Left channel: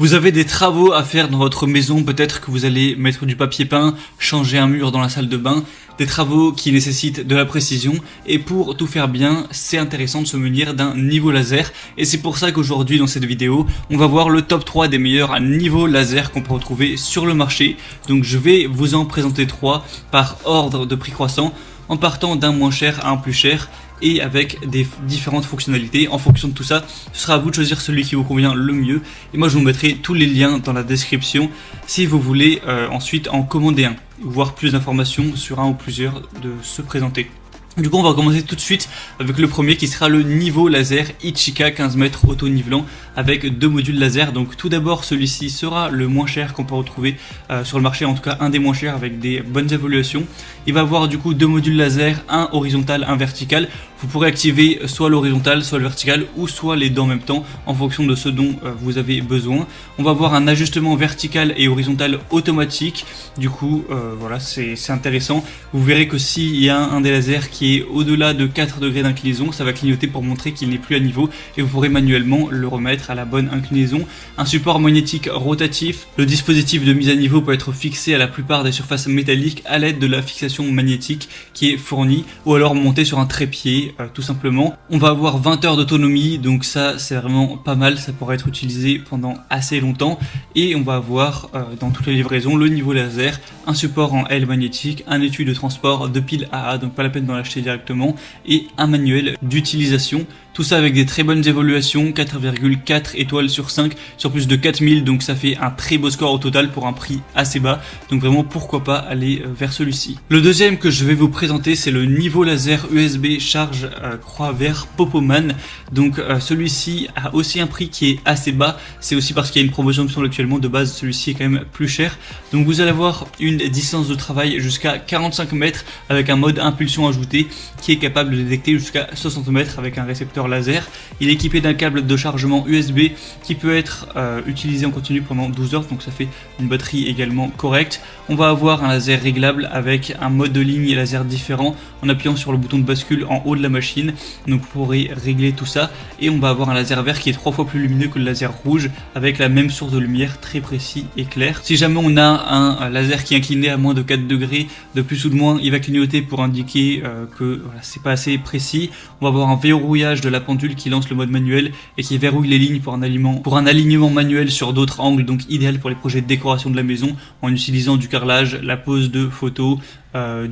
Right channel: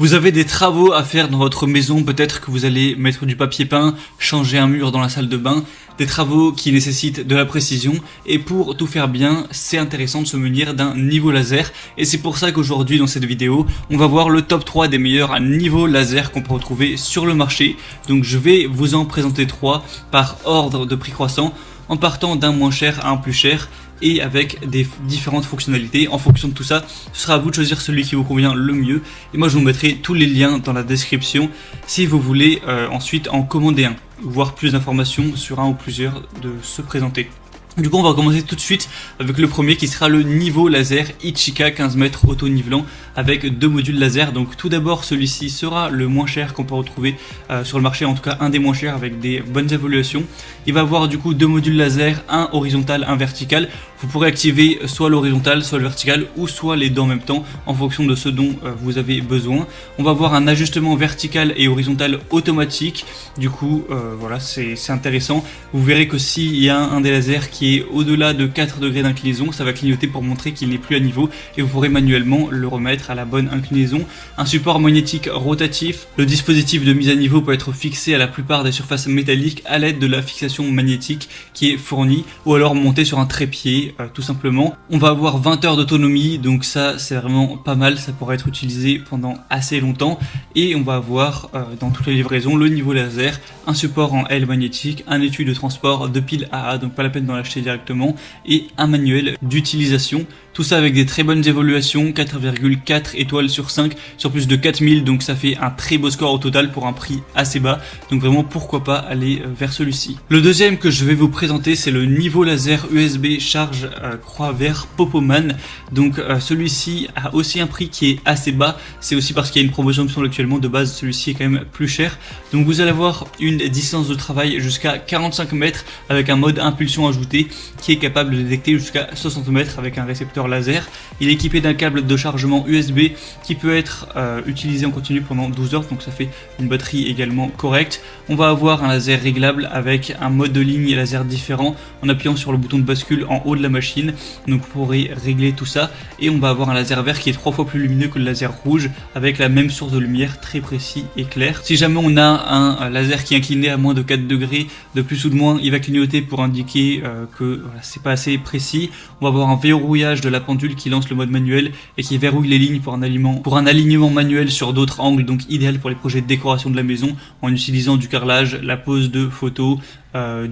Vous avez des travaux à faire dans votre maison, peut-être que vous allez mettre du papier peint, changer un mur dans la salle de bain, des travaux qui nécessitent de la précision, et pour tout faire bien, c'est intéressant de se munir d'un niveau laser, et c'est pour ça qu'aujourd'hui dans cette vidéo, on va voir le top 3 des meilleurs niveaux laser qu'on peut retrouver sur le marché. Donc je vais vous en présenter 3 par ordre de prix croissant, en partant d'un moins cher à un plus cher, et avec des différentes fonctionnalités. En fonction de tout ça, ce sera à vous de choisir celui qui vous convient le mieux. Et moi je vous mettrai tous les liens dans la description si vous voulez ensuite en commander un, voir plus d'informations sur un ou plusieurs de se présenter. Du coup on va commencer tout de suite avec le premier qui sera le niveau laser Ichika 15 mètres auto-nivelant avec 2 modules laser. Donc tout d'abord celui-ci sera le moins cher qu'on peut retrouver sur le marché, en tout cas un des moins chers avec des bonnes évolutions. Il va avoir du coup 2 modules laser, un horizontal, un vertical. Vous pourrez activer soit l'horizontal, soit le vertical, ou soit les deux en même temps, en fonction de ce dont vous avez besoin. On va avoir un ajustement vertical et horizontal automatique. Du coup, voilà, c'est intéressant. Vous verrez que s'il y a un des lasers qui est au-delà de 4 degrés d'inclinaison, ça va clignoter pour montrer qu'il n'est plus à niveau, et vous pourrez manuellement le remettre à la bonne inclinaison. Un support magnétique rotatif. Le dispositif de mise à niveau peut être fixé à la plupart des surfaces métalliques à l'aide de la fixation magnétique qui est fournie, ou alors monté sur un trépied. Tout simplement. On va avoir 20 heures d'autonomie, donc ça c'est vraiment pas mal, ça pourra être utilisé pendant assez longtemps. Et on va avoir dans toutes les livraisons le niveau laser, un support en L magnétique, un étui de transport, 2 piles AA, donc pas la peine d'en acheter directement, et un manuel d'utilisation. Tout ça avec des très bonnes évaluations, 4,4 étoiles sur 5, sur plus de 4000, donc ça fait un très beau score au total pour un prix assez bas. Donc vraiment pourquoi pas aller vers celui-ci. Le deuxième que je vais vous présenter, c'est le niveau laser USB charge croix vert Popoman. Donc celui-ci a aussi un prix qui est assez bas, c'est aussi parce qu'il y a une promotion actuellement. De base celui-ci est quand même plus cher. Donc vous allez avoir une distance de travail jusqu'à 45 mètres avec un mode impulsion ajouté qui est capable de détecter jusqu'à 60 mètres avec un récepteur laser. Il est équipé d'un câble de chargement USB qui peut être utilisé en continu pendant 12 heures, donc ça fait une batterie également correcte. On va avoir un laser réglable avec un mode de ligne laser différent en appuyant sur le bouton de bascule en haut de la machine, donc vous pourrez régler tout ça. Et on va avoir un laser vert qui est 3 fois plus lumineux que le laser rouge avec la même source de lumière, très précis et clair. Si jamais on a un laser qui est incliné à moins de 4 degrés, de plus ou de moins, il va clignoter pour indiquer que c'est pas assez précis. On va avoir un verrouillage de la pendule qui lance le mode manuel et qui verrouille les lignes pour un alignement manuel sur d'autres angles, donc idéal pour les projets de décoration de la maison en utilisant du carrelage, la pose de photos,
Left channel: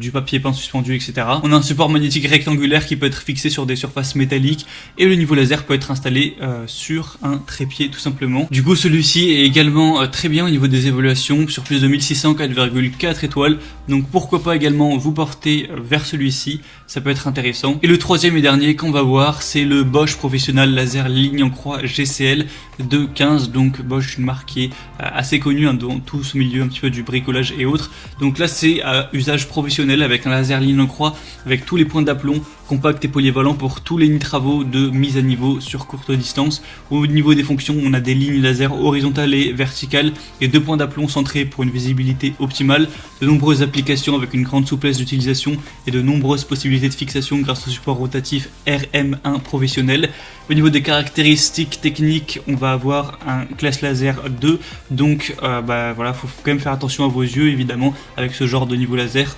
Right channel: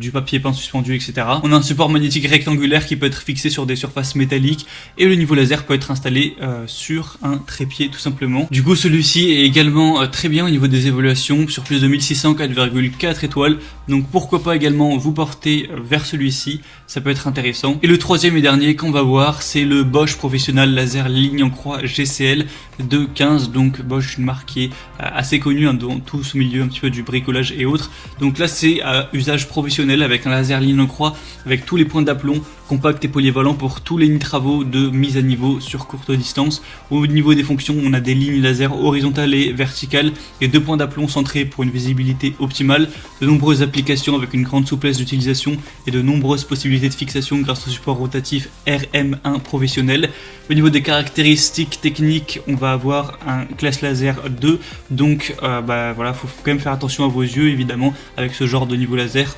du papier peint suspendu, etc. On a un support magnétique rectangulaire qui peut être fixé sur des surfaces métalliques, et le niveau laser peut être installé sur un trépied tout simplement. Du coup celui-ci est également très bien au niveau des évaluations, sur plus de 1600, 4,4 étoiles, donc pourquoi pas également vous porter vers celui-ci, ça peut être intéressant. Et le troisième et dernier qu'on va voir, c'est le Bosch Professional Laser Ligne en croix GCL 215, donc Bosch, une marque qui est assez connue dans tout ce milieu un petit peu du bricolage et autres. Donc là c'est usage professionnel avec un laser ligne en croix avec tous les points d'aplomb, compact et polyvalent pour tous les travaux de mise à niveau sur courte distance. Au niveau des fonctions, on a des lignes laser horizontales et verticales et 2 points d'aplomb centrés pour une visibilité optimale, de nombreuses applications avec une grande souplesse d'utilisation et de nombreuses possibilités de fixation grâce au support rotatif RM1 professionnel. Au niveau des caractéristiques techniques, on va avoir un classe laser 2, donc voilà, faut quand même faire attention à vos yeux évidemment avec ce genre de niveau laser,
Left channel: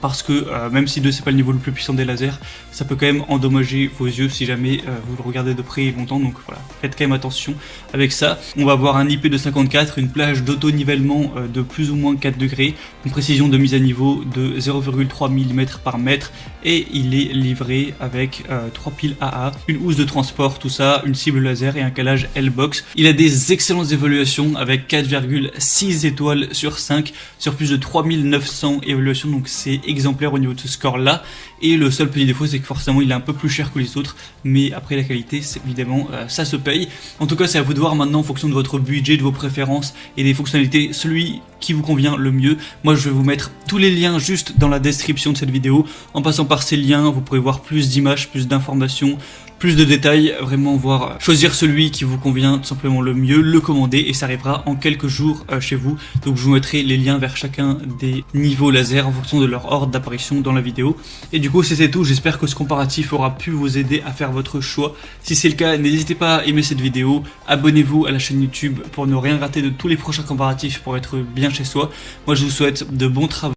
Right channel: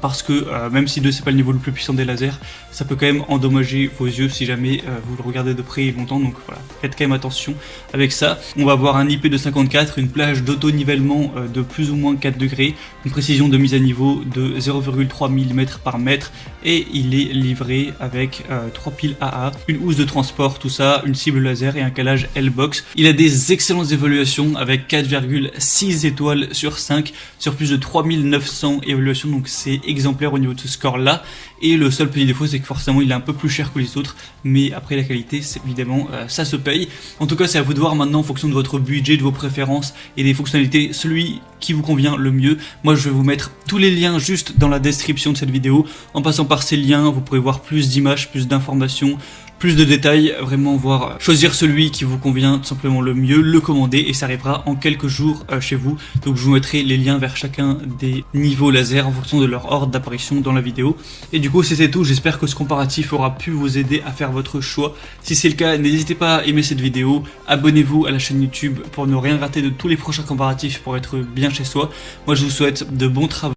parce que même si 2 c'est pas le niveau le plus puissant des lasers, ça peut quand même endommager vos yeux si jamais vous le regardez de près et longtemps, donc voilà, faites quand même attention avec ça. On va avoir un IP254, une plage d'auto-nivellement de plus ou moins 4 degrés, une précision de mise à niveau de 0,3 mm par mètre, et il est livré avec 3 piles AA, une housse de transport, tout ça, une cible laser et un calage L-Box. Il a des excellentes évaluations avec 4,6 étoiles sur 5 sur plus de 3900 évaluations, donc c'est exemplaire au niveau de ce score là. Et le seul petit défaut, c'est que forcément il est un peu plus cher que les autres, mais après la qualité, c'est évidemment ça se paye. En tout cas c'est à vous de voir maintenant en fonction de votre budget, de vos préférences et des fonctionnalités, celui qui vous convient le mieux. Moi je vais vous mettre tous les liens juste dans la description de cette vidéo. En passant par ces liens, vous pourrez voir plus d'images, plus d'informations, plus de détails, vraiment voir, choisir celui qui vous convient tout simplement le mieux, le commander et ça arrivera en quelques jours chez vous. Donc je vous mettrai les liens vers chacun des niveaux laser en fonction de leur ordre d'apparition dans la vidéo. Et du coup c'était tout, j'espère que ce comparatif aura pu vous aider à faire votre choix. Si c'est le cas, n'hésitez pas à aimer cette vidéo, abonnez-vous à la chaîne YouTube pour ne rien rater de tous les prochains comparatifs pour être bien chez soi. Moi je vous souhaite de bons travaux.